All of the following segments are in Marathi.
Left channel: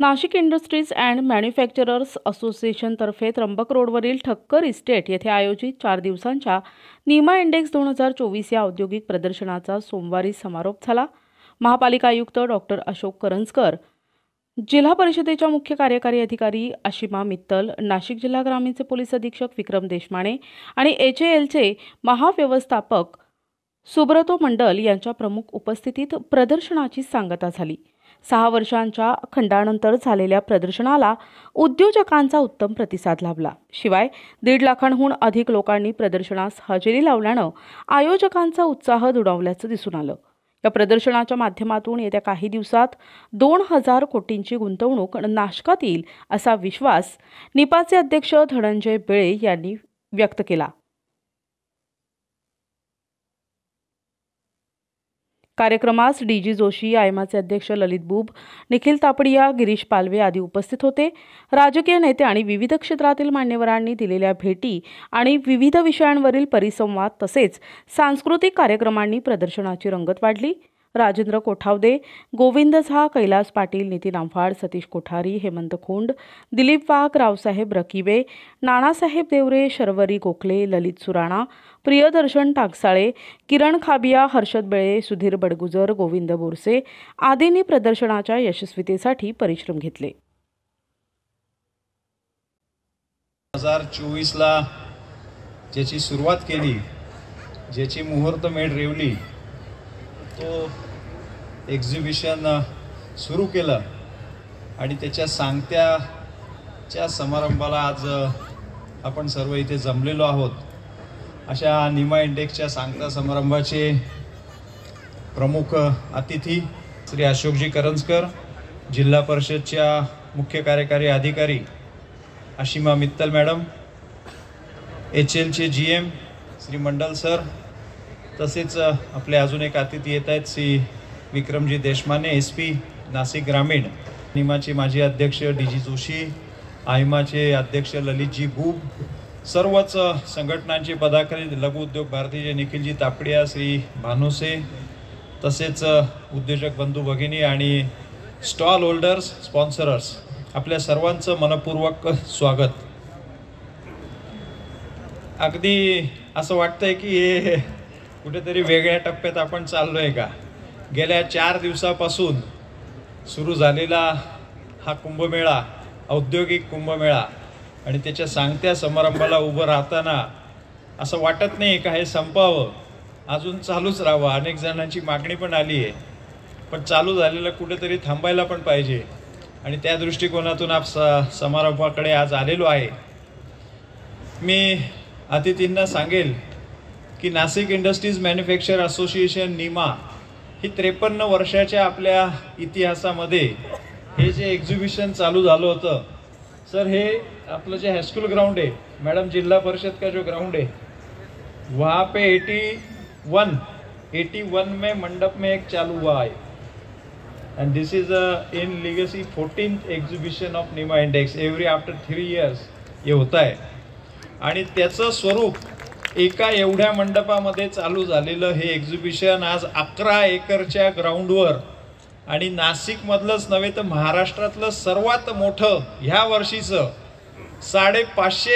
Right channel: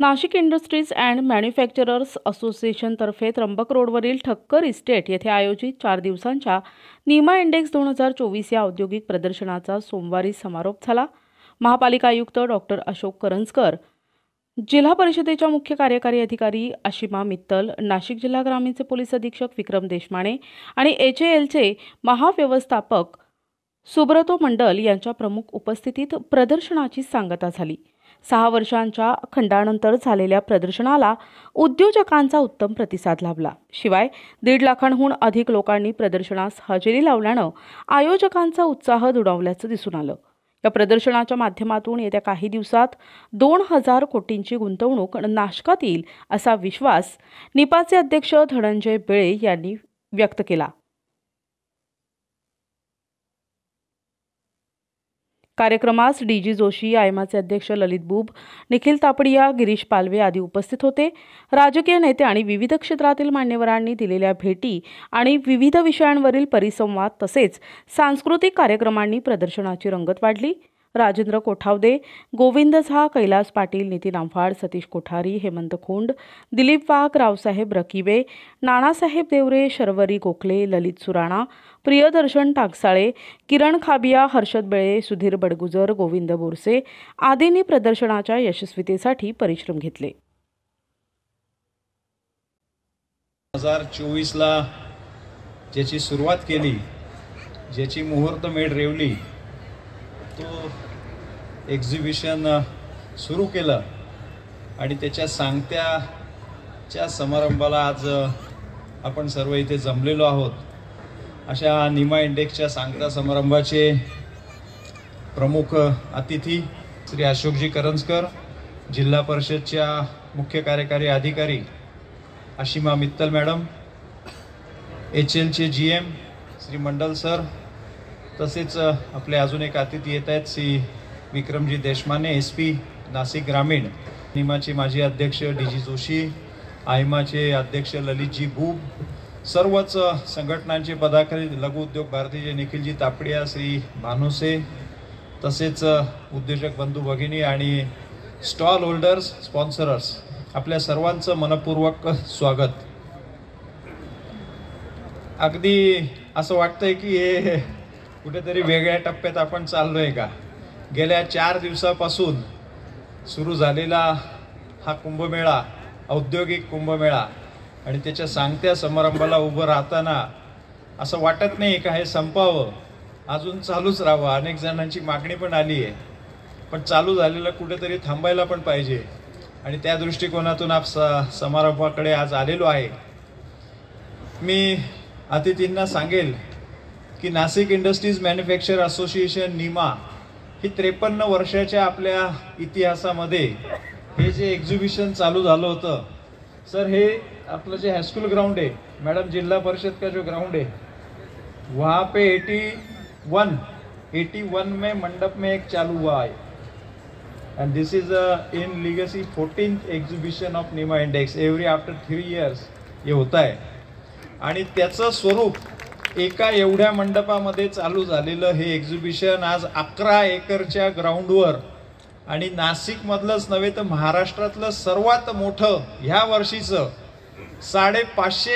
नाशिक इंडस्ट्रीज अँड मॅन्युफॅक्चरर्स असोसिएशनतर्फे त्र्यंबक रोडवरील ठक्कर इस्टेट येथे आयोजित 4 दिवसांच्या निमा इंडेक्स 2024 या औद्योगिक प्रदर्शनाचा सोमवारी समारोप झाला। महापालिका आयुक्त डॉक्टर अशोक करंजकर, जिल्हा परिषदेच्या मुख्य कार्यकारी अधिकारी आशिमा मित्तल, नाशिक जिल्हा ग्रामीणचे पोलीस अधीक्षक विक्रम देशमाने आणि HALचे महाव्यवस्थापक सुब्रतो मंडल यांच्या प्रमुख उपस्थितीत प्रदर्शनाची सांगता झाली। 6 वर्षांच्या खंडानंतर झालेल्या प्रदर्शनाला उद्योजकांचा उत्तम प्रतिसाद लाभला। शिवाय 1.5 लाखांहून अधिक लोकांनी प्रदर्शनास हजेरी लावल्यानं आयोजकांचा उत्साह दुणावल्याचं दिसून आलं। या प्रदर्शनाच्या माध्यमातून येत्या काही दिवसात 2000 कोटींची गुंतवणूक नाशकात येईल असा विश्वास निपाचे अध्यक्ष धनंजय बेळे यांनी व्यक्त केला। कार्यक्रमास DG जोशी, आयमाचे अध्यक्ष ललित बुब, निखिल तापडिया, गिरीश पालवे आदी उपस्थित होते। राजकीय नेते आणि विविध क्षेत्रातील मान्यवरांनी दिलेल्या भेटी आणि विविध विषयांवरील परिसंवाद तसेच सांस्कृतिक कार्यक्रमांनी प्रदर्शनाची रंगत वाढली। राजेंद्र कोठावदे, गोविंद झा, कैलास पाटील, नितीन आव्हाड, सतीश कोठारी, हेमंत खोंड, दिलीप वाघ, रावसाहेब रकिबे, नानासाहेब देवरे, शर्वरी गोखले, ललित सुराणा, प्रियदर्शन टाकसाळे, किरण खाबिया, हर्षद बेळे, सुधीर बडगुजर, गोविंद बोरसे आदींनी प्रदर्शनाच्या यशस्वीतेसाठी परिश्रम घेतले। 2024 ला ज्याची सुरुवात केली, ज्याची मुहूर्तमेढ रेवली, तो एक्झिबिशन सुरू केलं आणि त्याच्या सांगत्याच्या समारंभाला आज आपण सर्व इथे जमलेलो आहोत। अशा निमा इंडेक्सच्या सांगता समारंभाचे प्रमुख अतिथी श्री अशोकजी करंजकर, जिल्हा परिषदच्या मुख्य कार्यकारी अधिकारी Ashima Mittal madam, HLचे GM Shri Mandal sir, तसेच आपले अजून एक अतिथी येत आहेत श्री विक्रमजी देशमाने, SP नाशिक ग्रामीण, निमाचे माजी अध्यक्ष DG जोशी, आयमाचे अध्यक्ष ललितजी बुब, सर्वच संघटनांचे पदाधिकारी, लघु उद्योग भारतीचे निखिलजी तापडिया, श्री भानुसे, तसेच उद्योजक बंधू भगिनी आणि स्टॉल होल्डर्स, स्पॉन्सरर्स, आपल्या सर्वांचं मनपूर्वक स्वागत। अगदी असं वाटतंय की हे कुठेतरी वेगळ्या टप्प्यात आपण चाललोय का। गेल्या 4 दिवसापासून सुरू झालेला हा कुंभमेळा, औद्योगिक कुंभमेळा, आणि त्याच्या सांगत्या समारंभाला उभं राहताना असं वाटत नाही का हे संपावं, अजून चालूच राहावं। अनेक जणांची मागणी पण आली आहे, पण चालू झालेलं कुठेतरी थांबायला पण पाहिजे आणि त्या दृष्टिकोनातून समारंभाकडे आज आलेलो आहे। मी अतिथींना सांगेल की Nashik industries manufacture association Nima ही 53 वर्षाच्या आपल्या इतिहासामध्ये हे जे एक्झिबिशन चालू झालं होतं, सर हे आपलं जे हाईस्कूल ग्राउंड है मैडम, जिला परिषद का जो ग्राउंड है वहाँ पे 81 में मंडप में एक चालू हुआ है, end this is in legacy 14th exhibition of Nima index. Every after 3 years ये होता है आणि त्याचं स्वरूप एका एवढ्या मंडपामध्ये चालू झालेलं हे एक्झिबिशन आज 11 एकरच्या ग्राउंडवर आणि नाशिक मधलंच नव्हे तर महाराष्ट्रातलं सर्वात मोठं ह्या वर्षीचं 550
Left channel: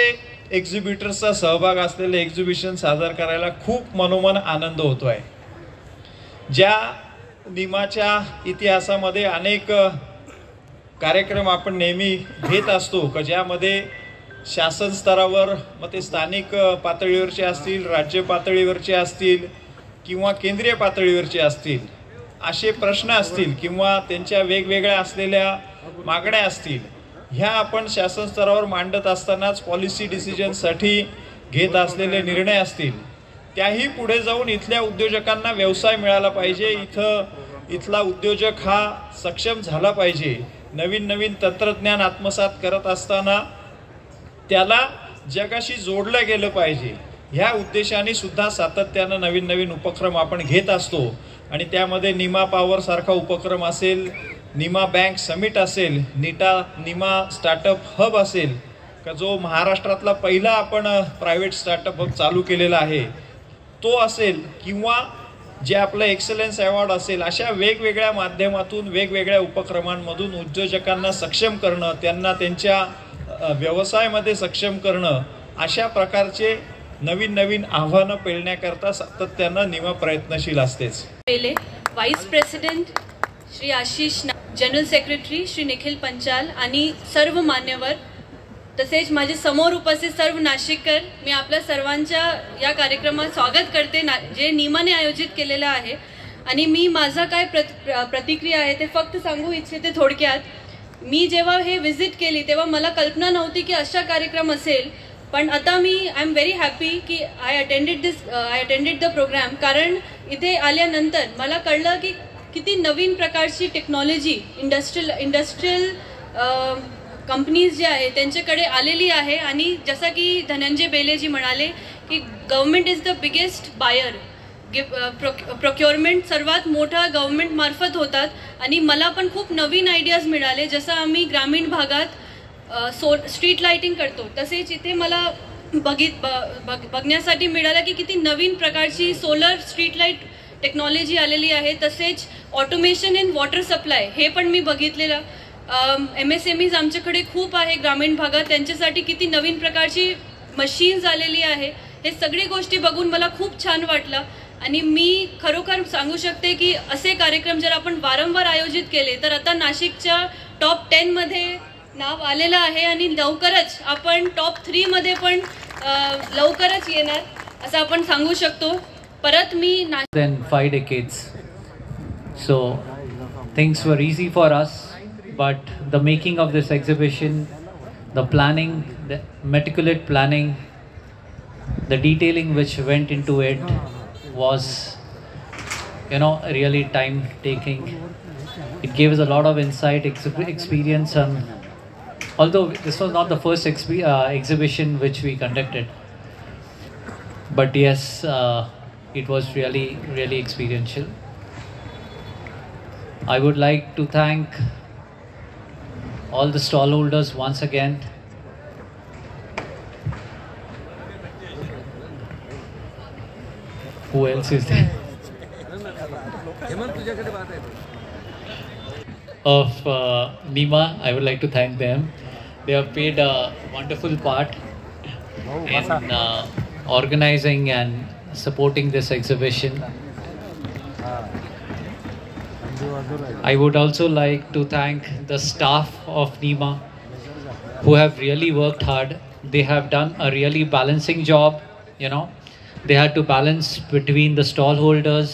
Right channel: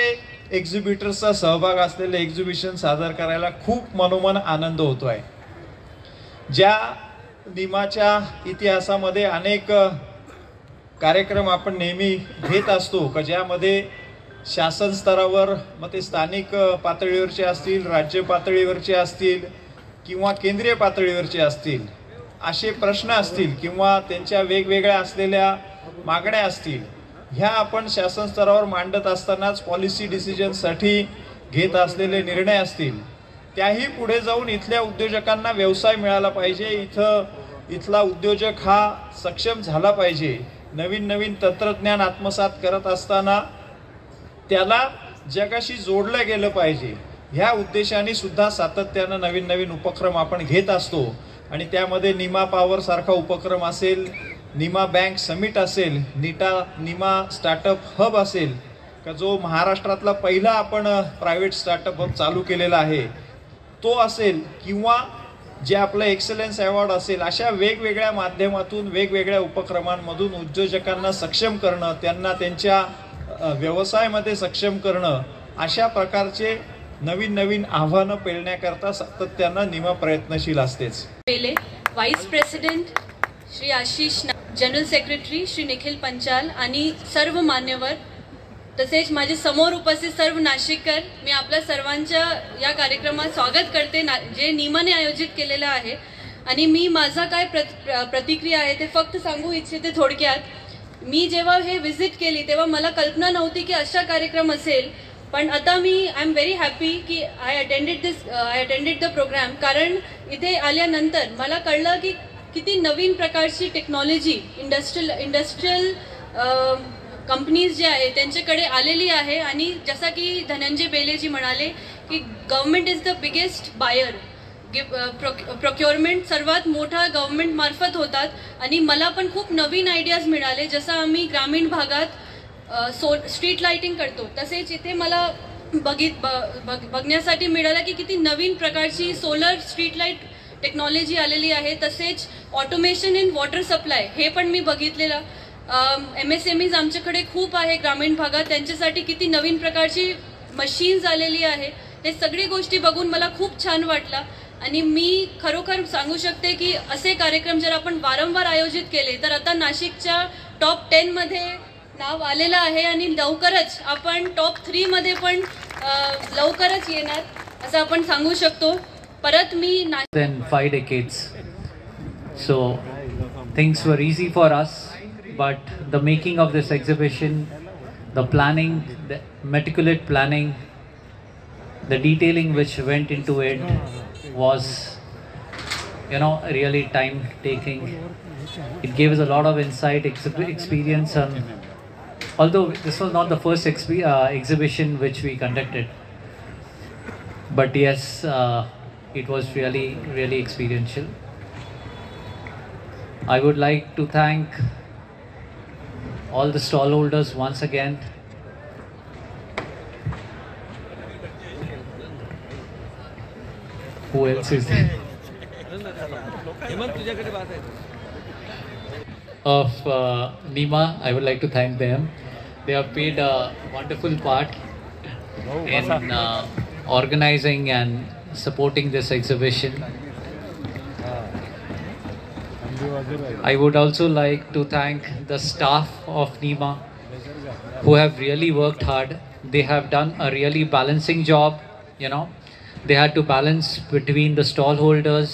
एक्झिबिटर्सचा सहभाग असलेलं एक्झिबिशन सादर करायला खूप मनोमन आनंद होतोय। ज्या निमाच्या इतिहासामध्ये अनेक कार्यक्रम आपण नेहमी घेत असतो की ज्यामध्ये शासन स्तरावर, मग ते स्थानिक पातळीवरचे असतील, राज्य पातळीवरचे असतील किंवा केंद्रीय पातळीवरचे असतील, असे प्रश्न असतील किंवा त्यांच्या वेगवेगळ्या असलेल्या मागण्या असतील, ह्या आपण शासन स्तरावर मांडत असतानाच पॉलिसी डिसिजनसाठी घेत असलेले निर्णय असतील, त्याही पुढे जाऊन इथल्या उद्योजकांना व्यवसाय मिळाला पाहिजे, इथला उद्योजक हा सक्षम झाला पाहिजे, नवीन नवीन तंत्रज्ञान आत्मसात करत असताना त्याला जगाशी जोडलं गेलं पाहिजे, ह्या उद्देशाने सुद्धा सातत्यानं नवीन नवीन उपक्रम आपण घेत असतो। आणि त्यामध्ये निमा पॉवर सारखा उपक्रम असेल, निमा बँक समिट असेल, निमा स्टार्टअप हब असेल, का जो महाराष्ट्रातला पहिला आपण प्रायव्हेट स्टार्टअप हब चालू केलेला आहे तो असेल, किंवा जे आपलं एक्सलन्स अवॉर्ड असेल, अशा वेगवेगळ्या माध्यमातून वेगवेगळ्या उपक्रमांमधून उद्योजकांना सक्षम करणं, त्यांना त्यांच्या व्यवसायामध्ये सक्षम करणं, अशा प्रकारचे नवीन नवीन आव्हानं पेलण्याकरता सातत्यानं निमा प्रयत्नशील असतेच. Vice president Shri Ashish, general secretary Shri Nikhil Panchal आणि सर्व मान्यवर, तसेच माझे समोर उपस्थित सर्व नाशिककर, मी आपल्या सर्वांच्या या कार्यक्रमात स्वागत करते जे निमाने आयोजित केलेलं आहे. आणि मी माझा काय प्रतिक्रिया आहे ते फक्त सांगू इच्छिते थोडक्यात. मी जेव्हा हे व्हिजिट केली तेव्हा मला कल्पना नव्हती की अशा कार्यक्रम असेल, पण आता मी आय एम व्हेरी हॅपी की आय अटेंडेड द प्रोग्राम. कारण इथे आल्यानंतर मला कळलं की किती नवीन प्रकारची टेक्नॉलॉजी इंडस्ट्रियल कंपनीज जे आहे त्यांच्याकडे आलेली आहे. आणि जसं की धनंजय बेलेजी म्हणाले की government is the biggest buyer, procurement सर्वात मोठा गव्हर्नमेंट मार्फत होतात. आणि मला पण खूप नवीन आयडियाज मिळाले. जसं आम्ही ग्रामीण भागात स्ट्रीट लाइटिंग करतो, तसेच इथे मला बघण्यासाठी मिळालं की किती नवीन प्रकारची सोलर स्ट्रीट लाईट टेक्नॉलॉजी आलेली आहे. तसेच ऑटोमेशन इन वॉटर सप्लाय हे पण मी बघितलेलं. MSMEज आमच्याकडे खूप आहे ग्रामीण भागात, त्यांच्यासाठी किती नवीन प्रकारची मशीन्स आलेली आहे. हे सगळी गोष्टी बघून मला खूप छान वाटलं. आणि मी खरोखर सांगू शकते की असे कार्यक्रम जर आपण वारंवार आयोजित केले तर आता नाशिकच्या टॉप 10 मध्ये नाव आलेलं आहे आणि लवकरच आपण टॉप 3 मध्ये पण लवकरच येणार असं आपण सांगू शकतो. परत मी 5 decades, so things were easy for us, but the making of this exhibition, the planning, the meticulous planning, the detailing which went into it was, really time taking. It gave us a lot of insight, experience, although this was not the first exhibition which we conducted, but yes, it was really experiential. I would like to thank all the stallholders once again. Who else is there? Of NIMA, I would like to thank them. They have played a wonderful part in organizing and supporting this exhibition. I would also like to thank the staff of NIMA who have really worked hard. They have done a really balancing job, They had to balance between the stallholders,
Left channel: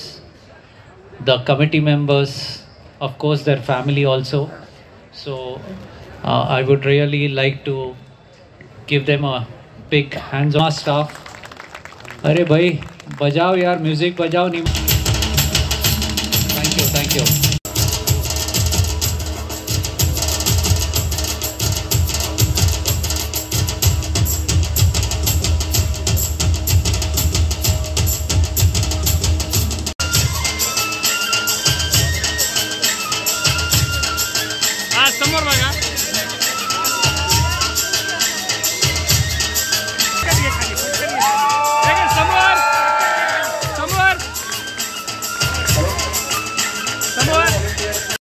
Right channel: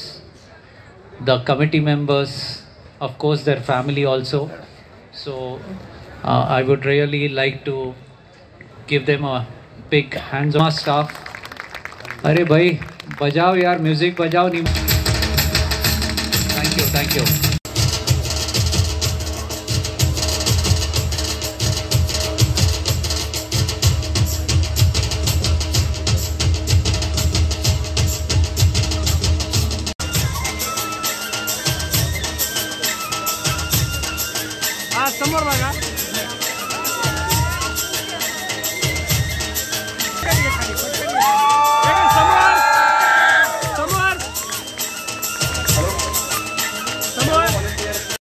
the committee members, of course their family also. So I would really like to give them a big hands on staff. Arey bhai, bajao yaar, music bajao. Thank you. समोर बघा.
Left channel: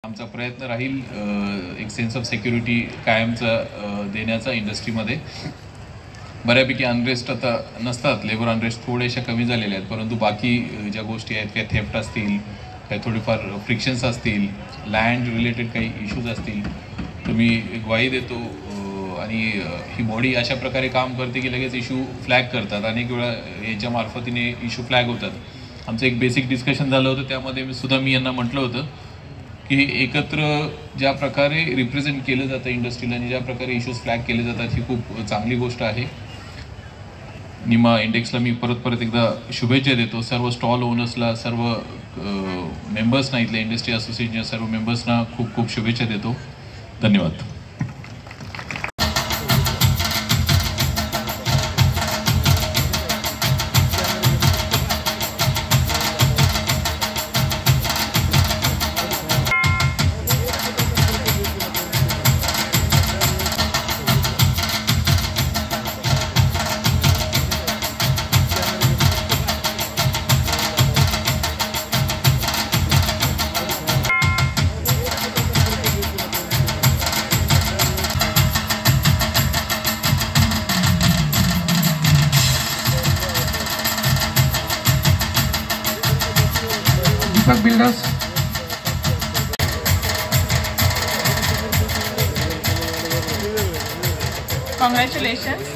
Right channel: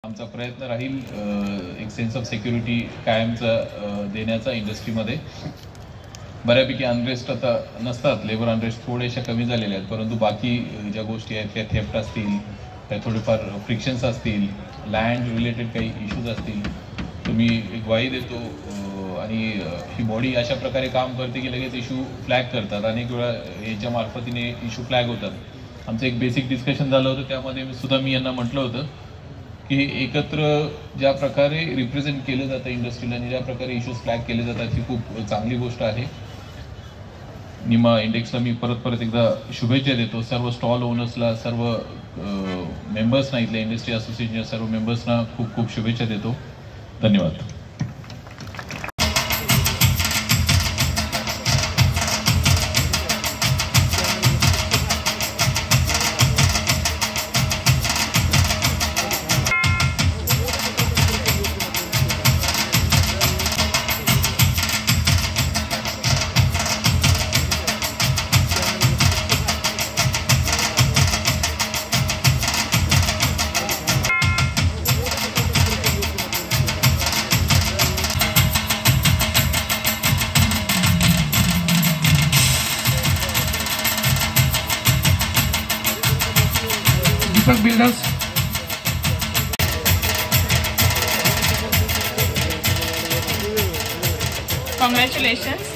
आमचा प्रयत्न राहील एक सेन्स ऑफ सिक्युरिटी कायमचा देण्याचा इंडस्ट्रीमध्ये. बऱ्यापैकी अनरेस्ट आता नसतात, लेबर अनरेस्ट थोड्याशा कमी झालेल्या आहेत, परंतु बाकी ज्या गोष्टी आहेत, काही थेफ्ट असतील, काही थोडेफार फ्रिक्शन्स असतील, लँड रिलेटेड काही इश्यूज असतील, तर मी एक ग्वाही देतो. आणि ही बॉडी अशा प्रकारे काम करते की लगेच इश्यू फ्लॅग करतात. अनेक वेळा याच्या मार्फतीने इश्यू फ्लॅग होतात. आमचं एक बेसिक डिस्कशन झालं होतं, त्यामध्ये मी यांना म्हटलं होतं की एकत्र ज्या प्रकारे रिप्रेझेंट केलं जातं इंडस्ट्रीला आणि ज्या प्रकारे इश्यूज फ्लॅग केले जातात ही खूप चांगली गोष्ट आहे. निमा इंडेक्सला मी परत एकदा शुभेच्छा देतो. सर्व स्टॉल ओनर्सला, सर्व मेंबर्सना, इथल्या इंडस्ट्री असोसिएशनच्या सर्व मेंबर्सना खूप खूप शुभेच्छा देतो. धन्यवाद. Deepak builders, congratulations.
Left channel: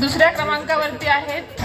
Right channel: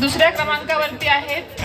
दुसऱ्या क्रमांकावरती आहेत